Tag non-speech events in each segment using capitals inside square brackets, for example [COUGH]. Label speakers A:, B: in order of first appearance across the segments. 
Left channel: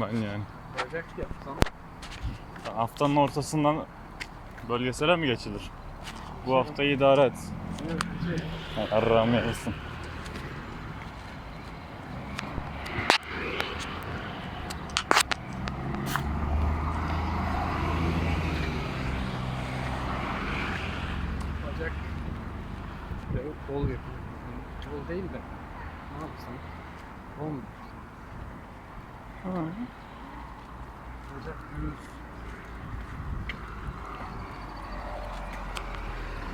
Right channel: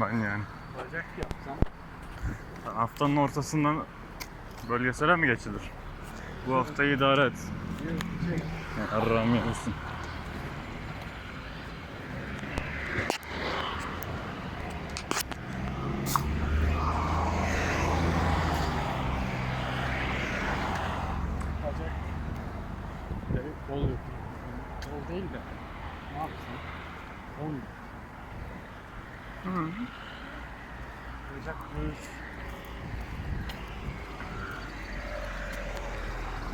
A: ben yani.
B: Bacak yapsam.
A: Haftanın ortasından bölgesele mi geçilir? Bu haftayı idare et.
B: Şey,
A: Arrağım yesin.
B: bacak ve kol yapıyor. Kol değil de ne yapsam? Kol Bacak düz.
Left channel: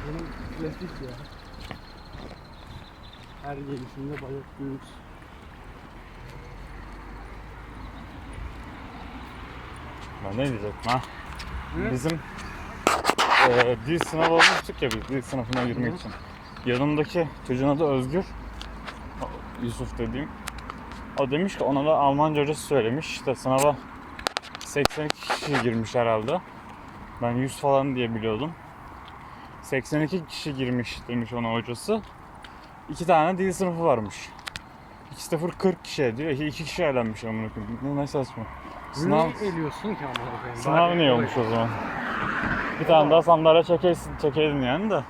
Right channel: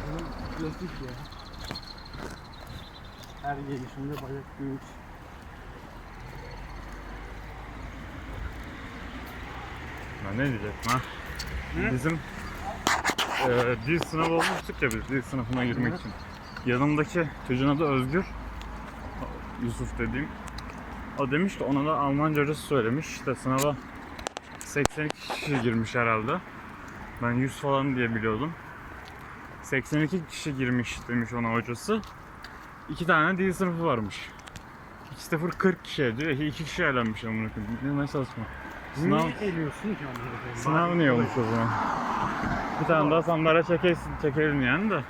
B: Benim klasik ya. Her gelişimde bacak düz.
A: Ben ne diyecektim ha?
B: Hı?
A: Bizim eee dil sınavı olmuştuk ya biz dil sınavına girmek
B: Hı.
A: için. Yanımdaki çocuğun adı Özgür. Yusuf dediğim. O demiş ki ona da Almanca hocası söylemiş. İşte sınava 82 kişi girmiş herhalde. Ben 100 falan diye biliyordum. 82 kişi girmiş demiş ona hocası. İki tane dil sınıfı varmış. 2 0 40 kişi ediyor. İki kişi eğlenmiş amına koyayım. Ne ne saçma. Sınav,
B: Niye eliyorsun ki amına koyayım?
A: sınav
B: Bari
A: niye olmuş o zaman? Bir tane daha sandalye çekeydin, çekeydin yani de.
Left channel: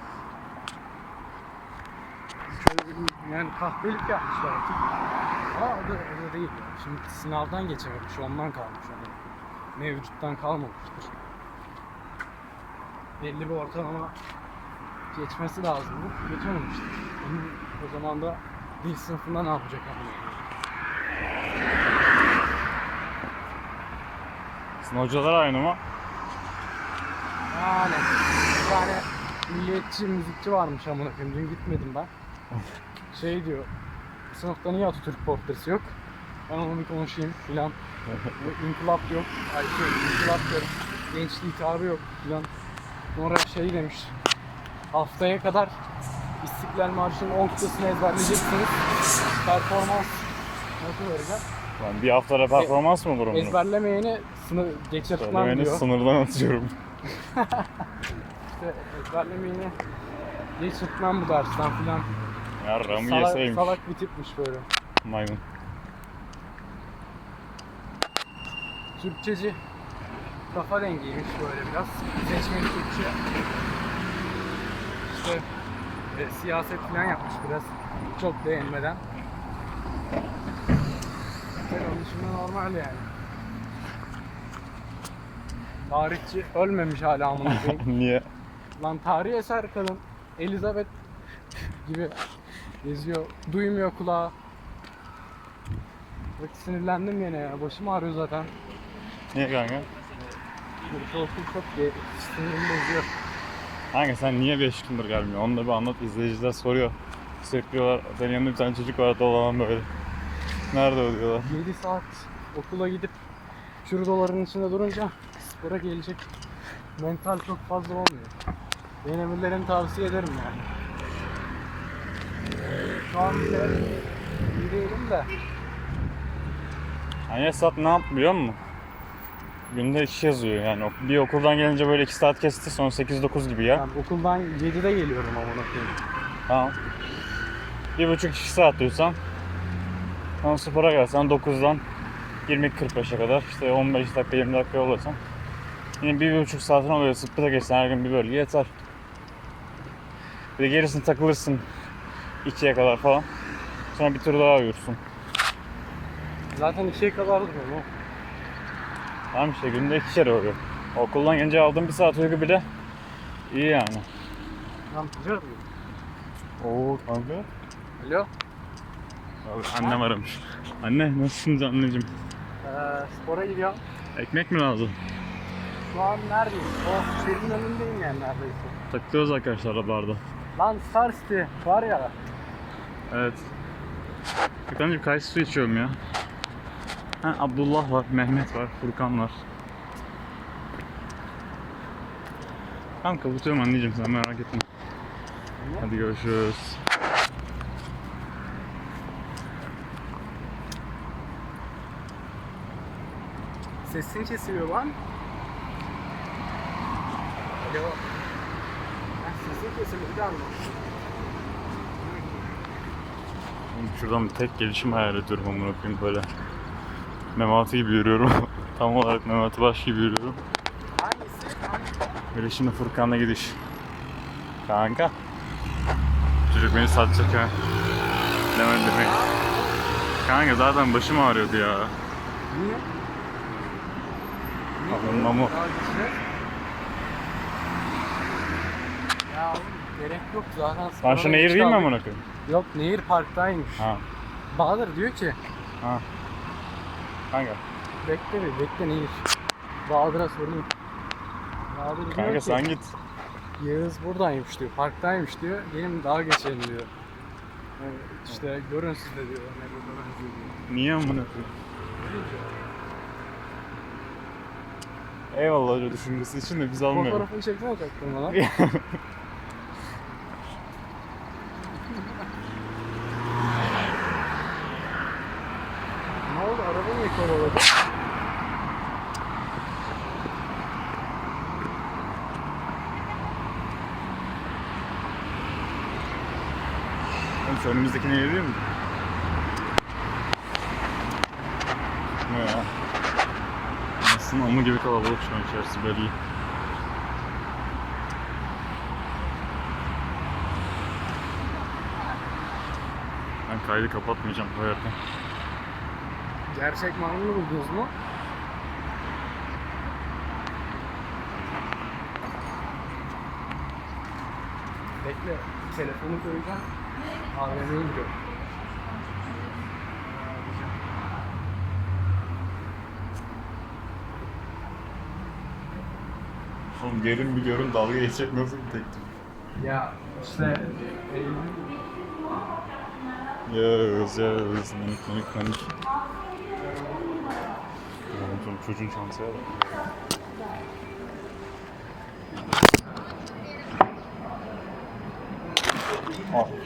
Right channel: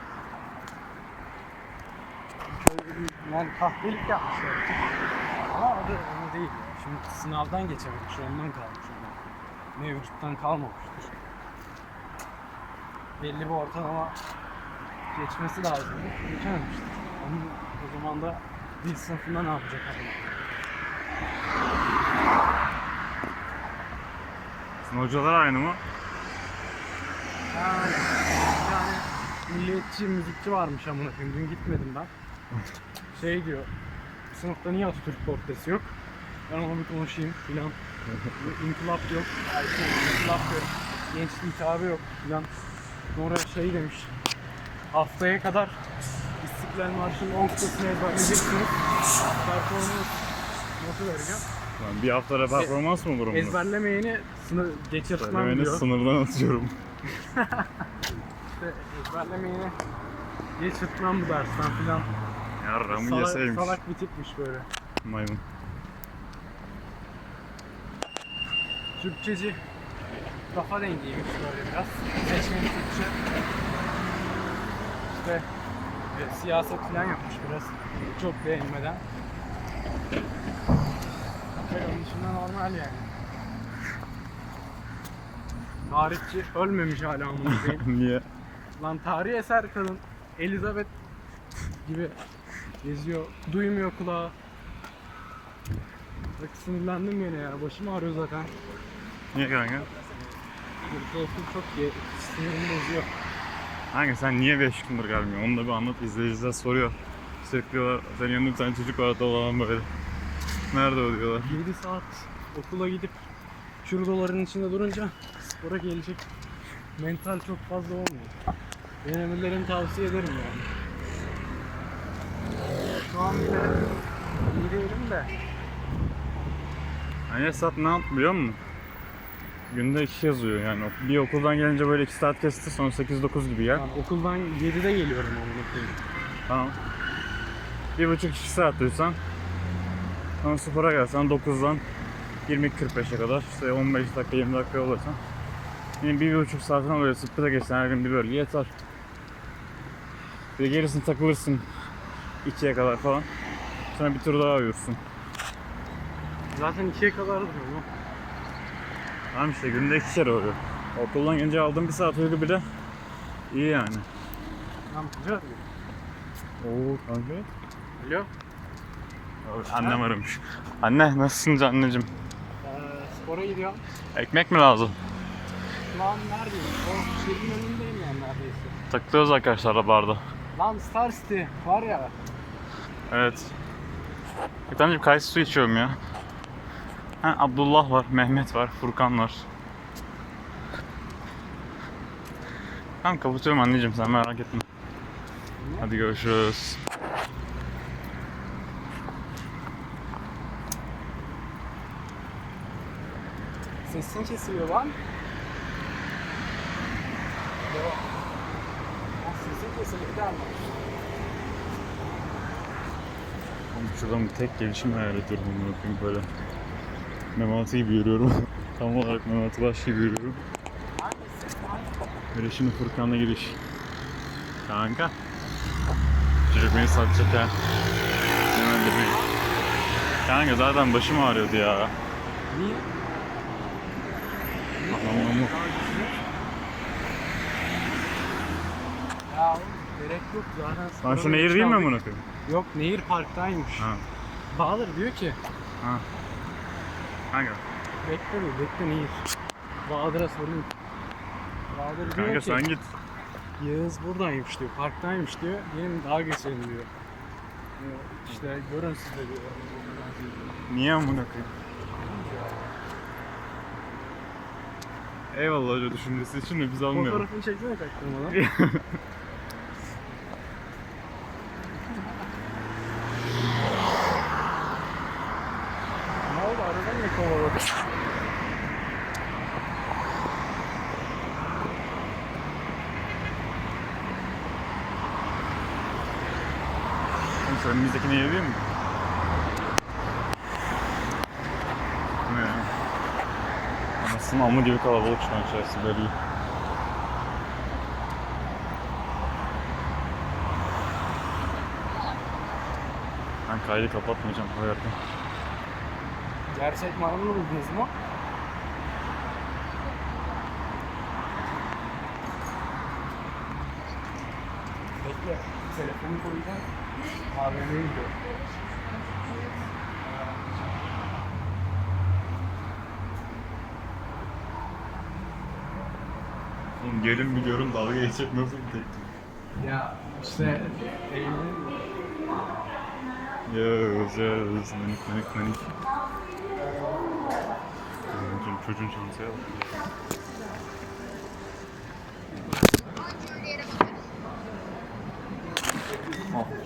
B: Şöyle yani kahvelik yapmışlar. Ama o da, o da değil ya. Şimdi sınavdan geçememiş, ondan kalmış onun. Mevcuttan kalmamıştır. Belli bir ortalama geçmesi lazımdı. Geçememiştir. Onun o zaman da dil sınıfında ne yapacak abi?
A: Sizin hocalar aynı mı?
B: Yani bir tane milliyetçi müzikçi varmış amına koyayım. Dün gitmedim ben. [LAUGHS] Şey diyor. Sınıfta niye Atatürk portresi yok? Ben ona bir konuşayım filan. [LAUGHS] İnkılap yok. Ay şey, inkılap diyorum. Gençlik hitabı yok filan. Sonra şey demiş. Haftaya kadar İstiklal Marşı'nın 10 kıtasını ezberleyeceksiniz. Performans notu vereceğim.
A: Lan bir haftada performans mı mu?
B: Ezberlemeyeni sınır geçirtmem
A: Beni
B: diyor.
A: sınırdan atıyorum. [LAUGHS]
B: İşte ezberlemeyeni geçirtmem bu dersten filan.
A: Yarramı
B: Salak,
A: yeseymiş.
B: salak bir tipmiş böyle.
A: Maymun.
B: Türkçeci kafa dengiymiş böyle biraz. Seçmeli Türkçe. İşte e, siyaset falan yapmış biraz. Çok beğenmeden. Böyle onun dışında normal yani. Tarihçi ölmemiş hala amına koyayım. [LAUGHS]
A: Niye?
B: Lan tarihi eser kadın Elizabeth gibi geziyor. Duymuyor kulağı. Bak sinirlendim yine ya. Başım ağrıyor zaten.
A: Niye kanka?
B: Okul çok ge- sinirimi bozuyor.
A: Kanka sen niye 5 gündür gelmiyorsun? Onu da bir anlat. İzleyiciler soruyor. Sürüklüyorlar. Senin yanında bir tane çocuk var dolan böyle. Nerede o diyorlar.
B: 7 saat okula gidip şuradaların içinde durunca spora gelecek mental çok fazla olmuyor. Denemelerini tavsiye ederim yani. Şu an bile iyi değilim de
A: Hani Esat ne yap biliyor musun? Günde 2 yazıyor yani. Bir okuldan gelince böyle 2 saat kesti sonra 8-9 gibi ya.
B: yani okuldan 7'de geliyorum amına koyayım.
A: Tamam. Bir buçuk iki saat uyusan. Sonra spora gelsen 9'dan 20-45'e kadar işte 15 dakika 20 dakika yoldasan. Yine bir, bir buçuk saatin oluyor. Sıpıda geçsen her gün bir bölge yeter. Bir de gerisini takılırsın 2'ye kadar falan. Sonra bir tur daha uyursun.
B: Zaten 2'ye kadar duruyorum o.
A: Tamam işte günde iki kere oluyor. Okuldan gelince aldığım bir saat uyku bile iyi yani.
B: Lan güzel arıyor.
A: Oo kanka.
B: Alo.
A: Abi, annem aramış. Anne nasılsınız anneciğim?
B: Ee, spora gidiyorum.
A: Ekmek mi lazım?
B: Şu an neredeyim? O şehrin önündeyim yani neredeyse.
A: Takılıyoruz arkadaşlar barda.
B: Lan Star City var ya.
A: Evet. Furkan'cığım kayısı su içiyorum ya. Ha, Abdullah var, Mehmet var, Furkan var. Tamam kapatıyorum anneciğim sen merak etme. Hadi görüşürüz.
B: Sesin kesiliyor lan. Alo. Ya sesin kesiliyor bir daha?
A: Oğlum şuradan bir tek gelişim hayal ediyorum amına koyayım böyle. Memati gibi yürüyorum. [LAUGHS] Tam olarak Memati Baş gibi yürüyorum.
B: Hangisi?
A: Böyle şimdi Furkan'la gidiş. Kanka. Çocuk beni satacak ha. Demem demeyin. Kanka zaten başım ağrıyordu ya.
B: Niye? Daha geçeceğiz. Ya oğlum gerek yok zaten. Spora
A: şu nehir değil mi amına koyayım?
B: Yok nehir parktaymış.
A: Ha.
B: Bahadır diyor ki
A: Ha. Kanka.
B: bekle bir bekle nehir. Bahadır'a sorayım. Bahadır diyor
A: Kanka
B: ki
A: sen git.
B: Yağız buradaymış diyor. Parktaymış diyor. Gelin daha geçelim diyor. Ee, işte görün siz de diyor. Yani diyor.
A: Niye amına koyayım? Eyvallah öyle düşüncesi için de biz almıyoruz.
B: Fotoğrafını çekmeye çaktırmadan. ne [LAUGHS] oldu? Araba niye kovaladı?
A: Oğlum şu önümüzdeki nehir değil mi? Ne ya? Anasının amı gibi kalabalık şu an içerisi belli. Ben kaydı kapatmayacağım koyarken.
B: Gerçek maymunu buldunuz mu? Bekle. Telefonu koyacağım. AVM'ye gidiyor.
A: Oğlum gelin biliyorum dalga geçecek nasıl teklif.
B: Ya işte Eylül
A: Yağız yağız manik manik manik. Oğlum çocuğun çantaya bak. Al.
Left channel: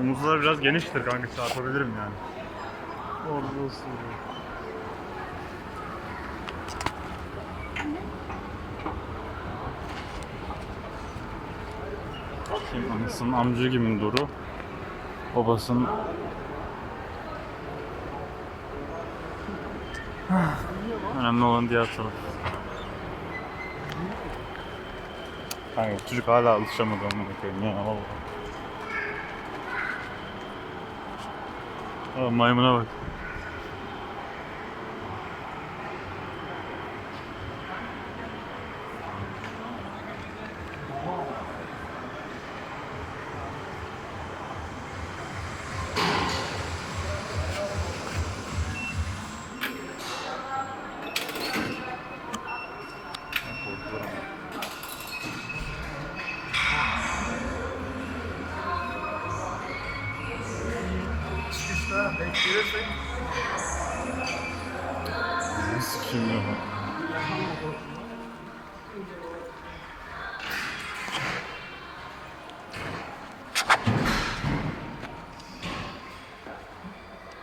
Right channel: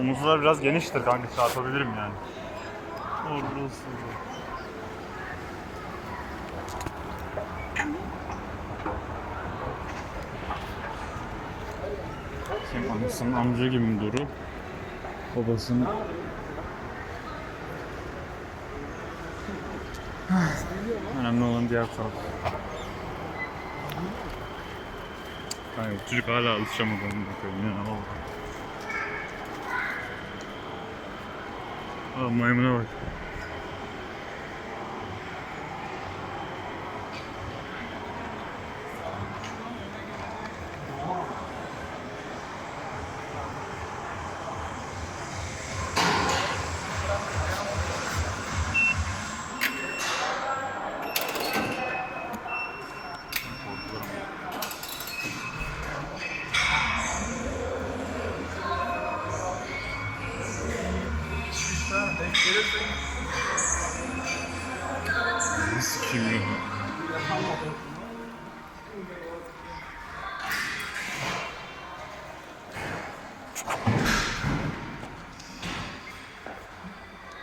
A: Omuzlar biraz geniştir kanka çarpabilirim yani. Orası. Şimdi anasının amca gibi duru. Babasının Önemli olan diğer taraf. Kanka çocuk hala alışamadı amına koyayım ya vallahi. Aa, maymuna bak. Ne sikeyim ya.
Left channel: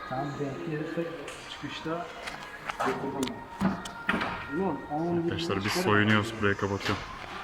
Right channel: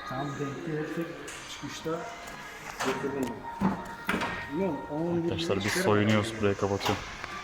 B: Tam denk gelirsek çıkışta
A: Arkadaşlar
B: bir
A: biz
B: işlere-
A: soyunuyoruz burayı kapatıyorum.